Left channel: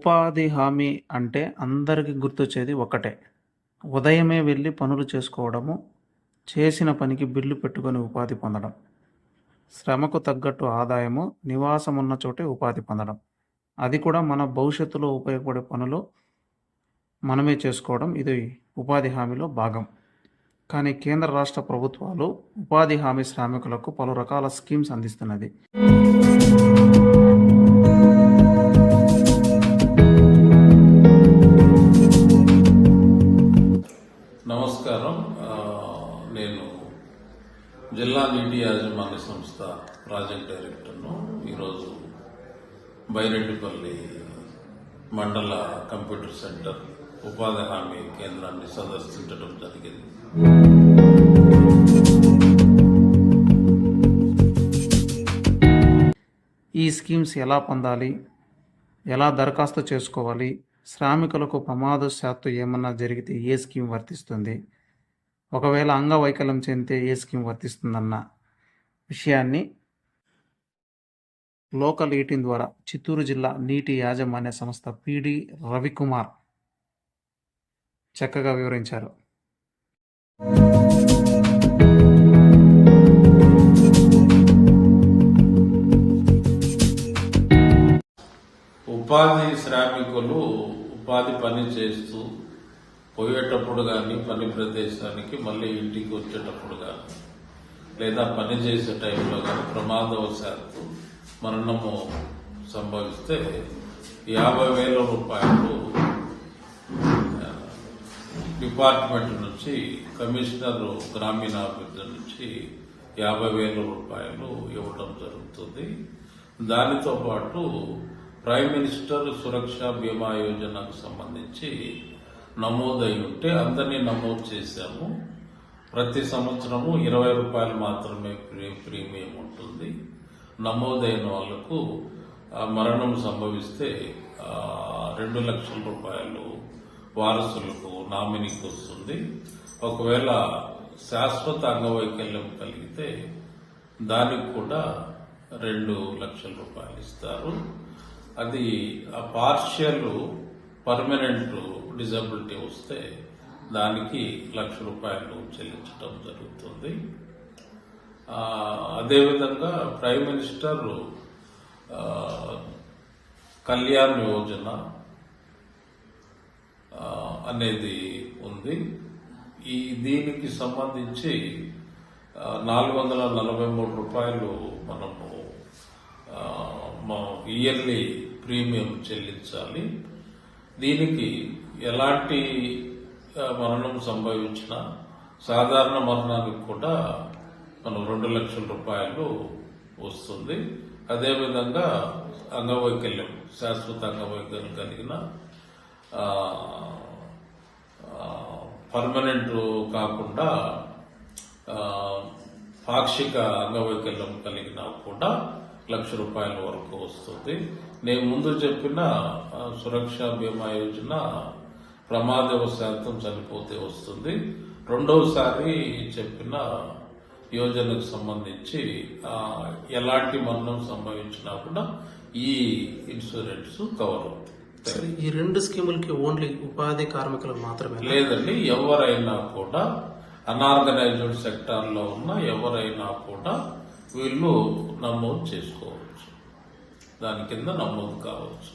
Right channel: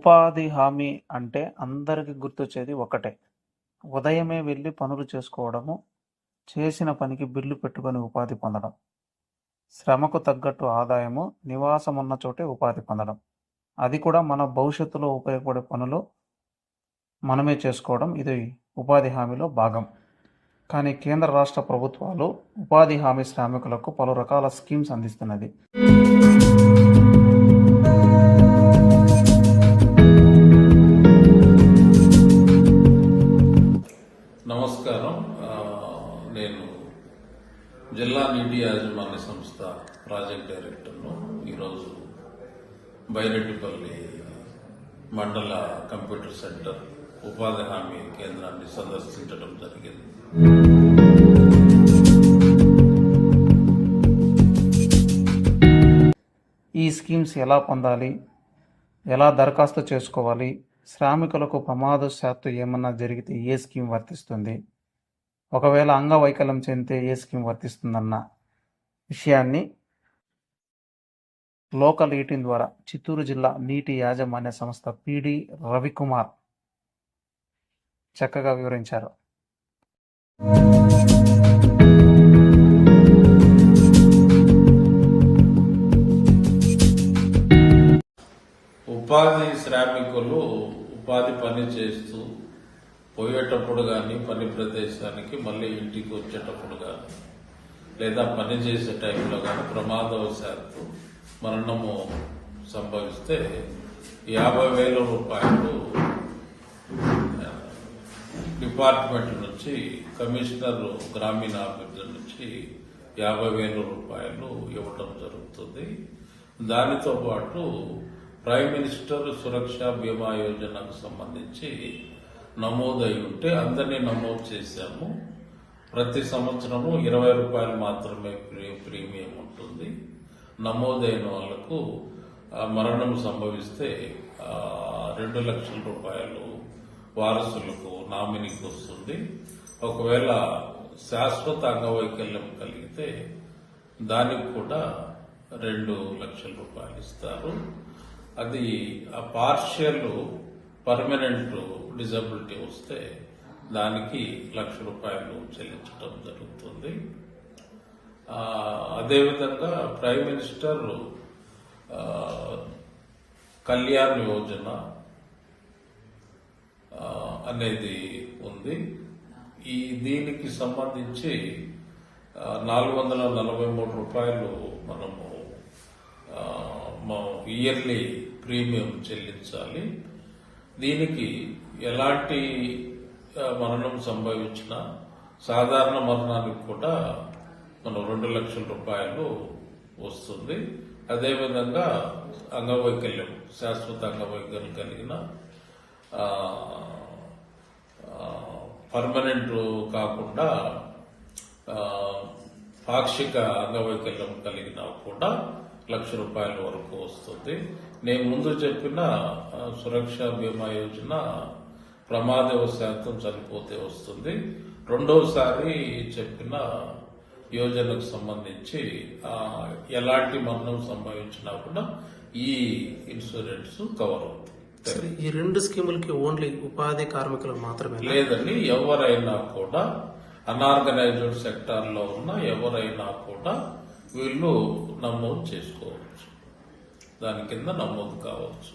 ఉపాధి హామీ అంటే అందరికీ గుర్తొచ్చేది ఒకటే. ఉదయమే వెళ్ళి పనులు చేసుకోవడము చేసిన పనికి బిల్లు పెట్టుకొని ఉపాధి పొందడం. శ్రమకు తగ్గట్టు ఆదాయము నివాసం ఉన్న చోటే ఉపాధి పొందడం. అది కూడా మన భవిష్యత్తులో ఉపయోగపడే పనులు మనమే చేసుకోవడం ఇది ఉపాధి హామీలో భాగం. కానీ కేంద్ర రాష్ట్ర ప్రభుత్వాలు ఉపాధి హామీ శ్రామికులకు పలు రకాల స్కీమ్స్ అందిస్తున్నది. జిల్లా నీటి యాజమాన్య సంస్థ ప్రాజెక్ట్ డైరెక్టర్ను ఈరోజు బైరెడ్డిపల్లి మండల కంప్యూటర్ సెంటర్ ఉపాధి హామీ కేంద్రాన్ని సందర్శించడం జరిగింది. ఈ స్కీమ్స్ ఎలా పొందాలి? ఎలా దరఖాస్తు చేసుకోవాలి? శ్రామికులకు ప్రమాదశాత్తు ఏమన్నా జరిగితే ఏ స్కీమ్ వర్తిస్తుంది? ఒకవేళ అంగవైకల్యం చెందితే ఏ స్కీమ్ వర్తిస్తుందన్న విషయాన్ని లోకల్ ఎయిటీన్ ద్వారా చిత్తూరు జిల్లా నీటి యాజమాన్య సంస్థ పిడి రవికుమార్ చక్కగా వివరించారు. ఉపాధి శ్రామికులు ఉపాధి పని చేస్తూ పోయేటప్పుడు కానీ పని ప్రదేశానికి మళ్ళీ ఇంటికి వచ్చేటప్పుడు కానీ లేదా పని చేసే టైంలో కానీ ప్రమాదవశాత్తు మరణము సంభవిస్తే యాభై వేల రూపాయలు డిపార్ట్మెంట్ నుంచి కమిషనర్ గ్రామీణాభివృద్ధి నుంచి యాభై వేల రూపాయలు ఇవ్వటం జరుగుతుంది. దానితో పాటు ప్రైమ్ మినిస్టర్ సురక్ష బీమా యోజనకు సంబంధించి నమోదై ఉంటే అందరినీ నమోదు చేశాము. ప్రతి సంవత్సరము ఇరవై రూపాయలు మాత్రమే ప్రీ- ప్రీమియం ఉంటుంది. నమోదైన వాళ్ళకు మరణం సంభవిస్తే రెండు లక్షల రూపాయలు వారసులకు నామినీకి వస్తుంది. ఒకవేళ శాశ్వత అంగవైకల్యం కలిగితే దానికి కూడా రెండు లక్షల రూపాయలు ఇస్తారు. అది ఆ పార్షియల్ పర్మనెంట్ డిజబిలిటీ వస్తే దానికి లక్ష రూపాయలు చెల్లించడం జరుగుతుంది. అదేవిధంగా ప్రైమ్ మినిస్టర్ కళ్యాణ్ యోజన అనేది ఉంది. ఈ దీనికి సంబంధించి నాలుగు వందల నలభై మూడు రూపాయలు మనము ఇయర్లీ ప్రీమియం చెల్లించాలి. దీనికి ఎలాంటి మరణం సంభవించినా సాధారణ మరణానికి కూడా మనం రెండు లక్షల రూపాయలు వస్తుంది. అదేవిధంగా అంగవైకల్యం శాశ్వత అంగవైకల్యం కలిగిన పర్మనెంట్ కాకుండా పాక్షిక అంగవైకల్యం కలిగిన కూడా లక్ష రూపాయల వరకు వస్తుంది. నేను ముందు చెప్పిన సురక్ష బీమా యోజన ప్రమాదవశాతం చనిపోతే వస్తుంది. రెండవసారి చెప్పిన యోజనకు సంబంధించి ఎలాంటి మరణం సంభవించినా కూడా ఈ ఇన్సూరెన్స్ కవర్ అవుతుంది. ఈ రెండు స్కీములకి ఓన్లీ ఉపాధి కార్మికులకు మాత్రమే లేదండి ఎవరైనా కూడా అనార్గనైజ్డ్ సెక్టార్లో ఉన్న ఎవరైనా కూడా వీళ్ళు నమోదు చేసుకోవచ్చు. దాని కింద నమోదు కావచ్చు.